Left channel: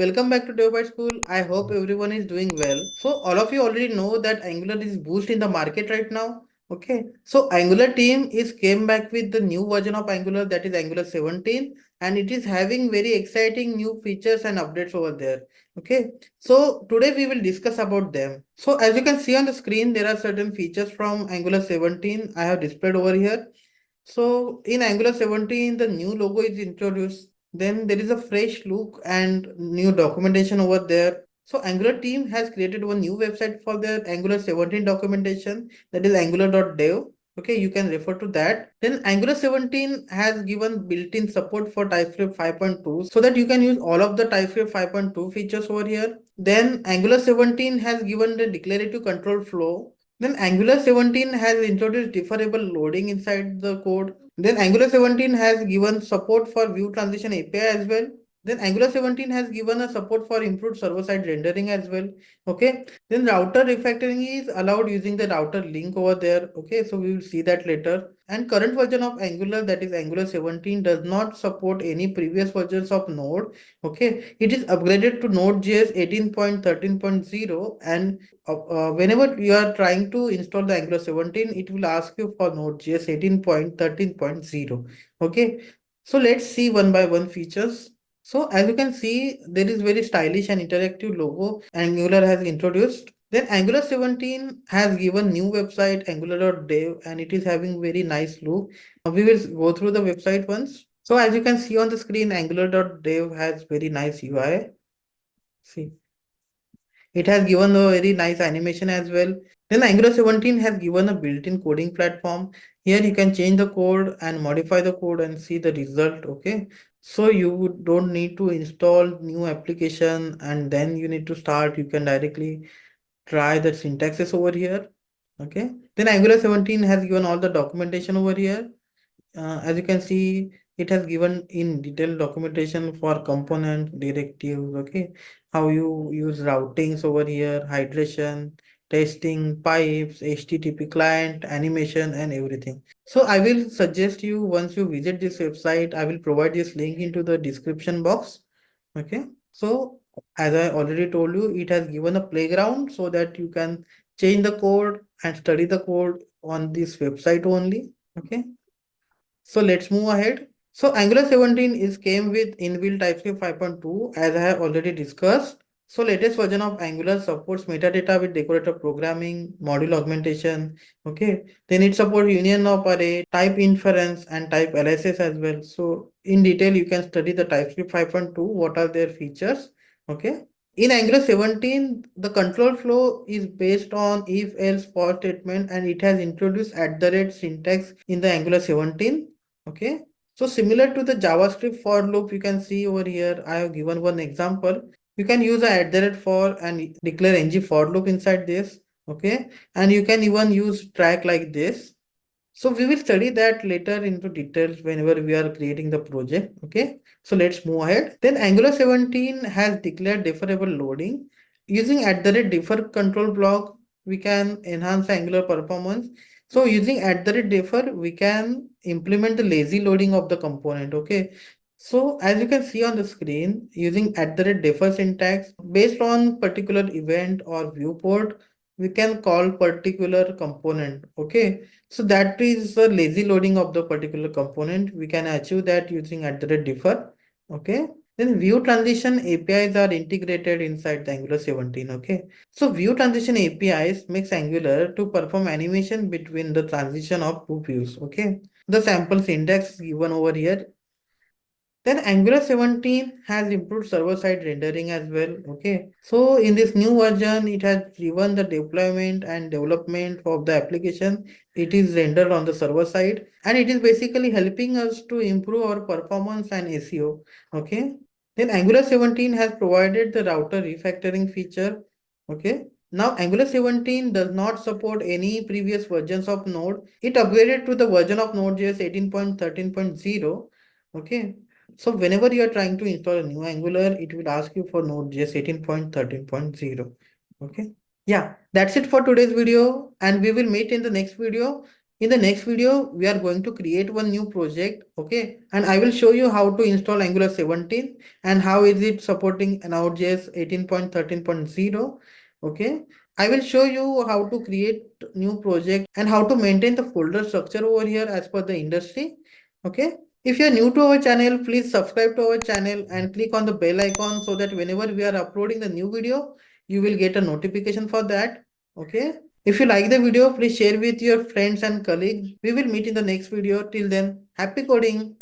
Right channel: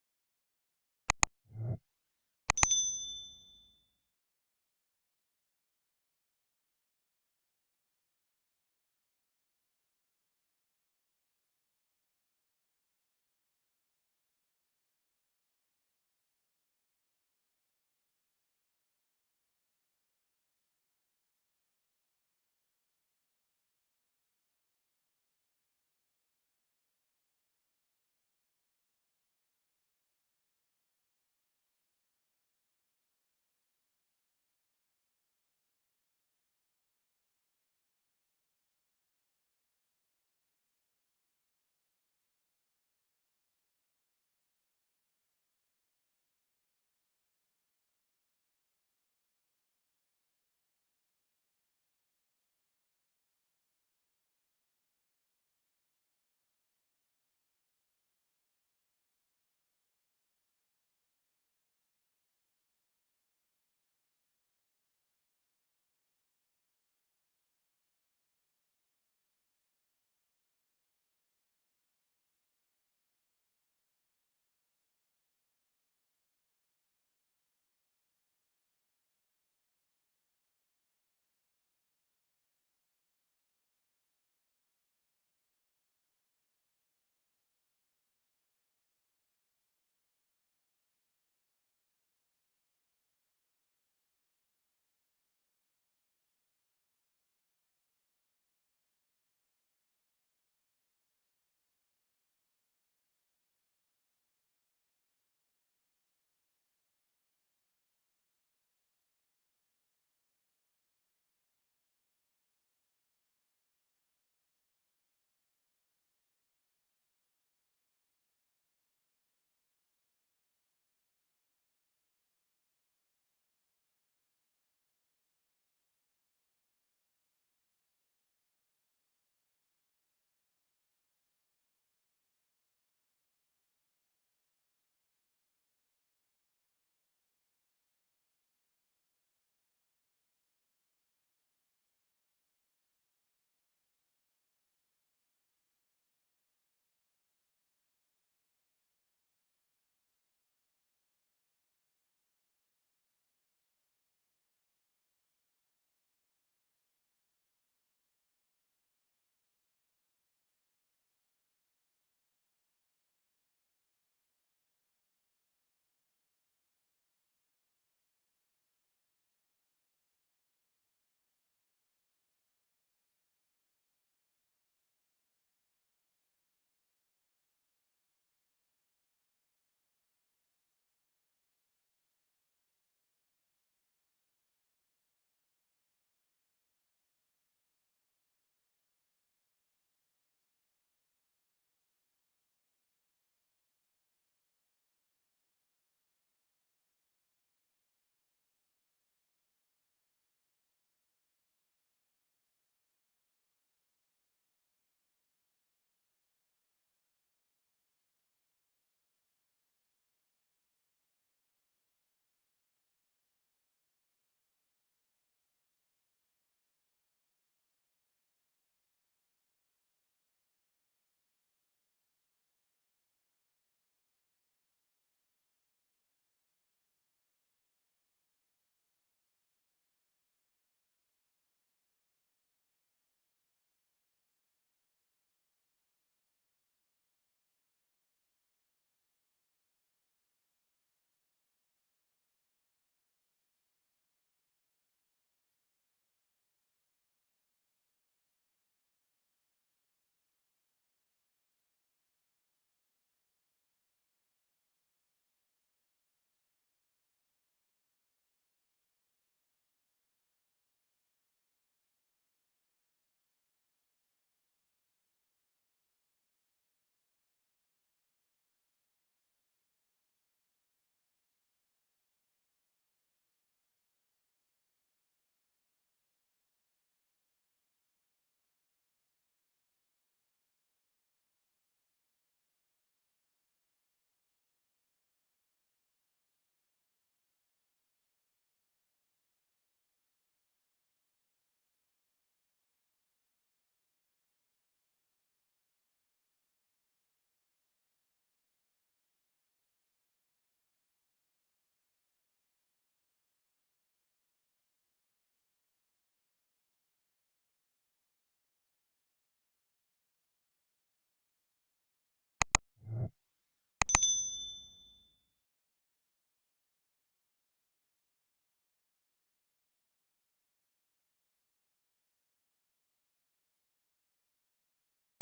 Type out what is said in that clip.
welcome back to DevByteSchool. I hope everyone is doing well. So all of you already know that Angular is boost in the market right now. Okay, so Angular team is came back with the new version of Angular, that is Angular 17, and it is having very exciting new features and updates over there. Okay, so today we will discuss about them. So as you can see on the screen, there are certain features from Angular 17 I have displayed over here. So in Angular 17, the new logo is introduced. Then there is a fresh look and new documentation over there. So Angular team has created one new website for their Angular 17 documentation, that is angular.dev. Okay, you can refer to that. Then Angular 17 has given built-in support for TypeScript 5.2 so that you can use all of the TypeScript 5.2 features over here. Then Angular 17 has given the declarative control flow. Then Angular 17 has introduced deferrable loading inside the code. Then Angular 17 has given support for view transition API as well. Then Angular 17 has given a support for improved server-side rendering as well. Okay. Then router refactoring is allowed using the router link over there. Okay. So we will see that later. And current version of Angular, that is Angular 17, does not support any previous versions of Node. Okay. It is upgraded to Node.js 18.13.0, and whenever you are trying to install the Angular 17, it will ask you for Node.js 18.13.0. Okay, so let's see one by one features. So as you can see, there is very stylish and interactive logo Angular has introduced. Then Angular 17 has given new website angular.dev, and it is having very nice look. We will go through the website once. So as you can see on the screen, angular.dev has very nice UI. See. It has given a very nice animation as well. Then Angular 17 has given a built-in coding platform. Here you can change the code and modify the code and see the result. Okay. So you don't need to install new application and then you need to start. You can directly try the syntaxes over here. Okay. Then Angular 17 has given all the documentation over here. As you can see, it has given in detailed documentation for component directives, okay, how you use routings over here, hydration, testing, pipes, HTTP client, animation, and everything. So I will suggest you, once you visit this website, I will provide this link into the description box. Okay. So as I already told you, it has given a playground so that you can change the code and study the code on this website only. Okay. So let's move ahead. So Angular 17 is came with inbuilt TypeScript 5.2, as I have already discussed. So latest version of Angular supports metadata with decorator programming, module augmentation. Okay. Then it supports union of array, type inference, and type analysis as well. So in detail, you can study the TypeScript 5.2. What are their features? Okay. In Angular 17, the control flow is based on if-else for statement, and it has introduced @ syntax in the Angular 17. Okay, so similar to the JavaScript for loop, you can see over here, I have given one example. You can use a @for and declare ng for loop inside this. Okay, and you can even use track like this. So we will study that later into details whenever we are creating the project. Okay, so let's move ahead. Then Angular 17 has declared deferrable loading. Using @defer control block, we can enhance Angular performance. So using @defer, we can implement the lazy loading of the component. Okay. So as you can see on the screen, using @defer syntax based on particular event or viewport, we can call particular component. Okay. So that is the lazy loading of the particular component. We can achieve that using @defer. Okay. Then view transition APIs are integrated inside the Angular 17. Okay. So view transition APIs makes Angular to perform animation between the transition of two views. Okay. The sample syntax is given over here. Then Angular 17 has improved server-side rendering as well. Okay. So in this new version, it has driven the deployment and development of the application. It is rendered on the server side, and it is basically helping us to improve our performance and SEO. Okay. Then Angular 17 has provided the router refactoring feature. Okay. Now Angular 17 does not support any previous versions of Node. It upgraded to the version of Node.js 18.13.0. Okay. So whenever you are trying to install a new Angular, it will ask you for Node.js 18.13.0. Okay. Yeah, that's it for today's video, and we will meet in the next video. In the next video, we are going to create one new project, okay? And I will show you how to install Angular 17 and how is it supporting Node.js 18.13.0, okay? I will show you how to create new project and how to maintain the folder structure over here as per the industry, okay? If you are new to our channel, please subscribe to our channel and click on the bell icon so that whenever we are uploading the new video, you will get a notification for that, okay? If you like the video, please share with your friends and colleagues. We will meet in the next video. Till then, happy coding!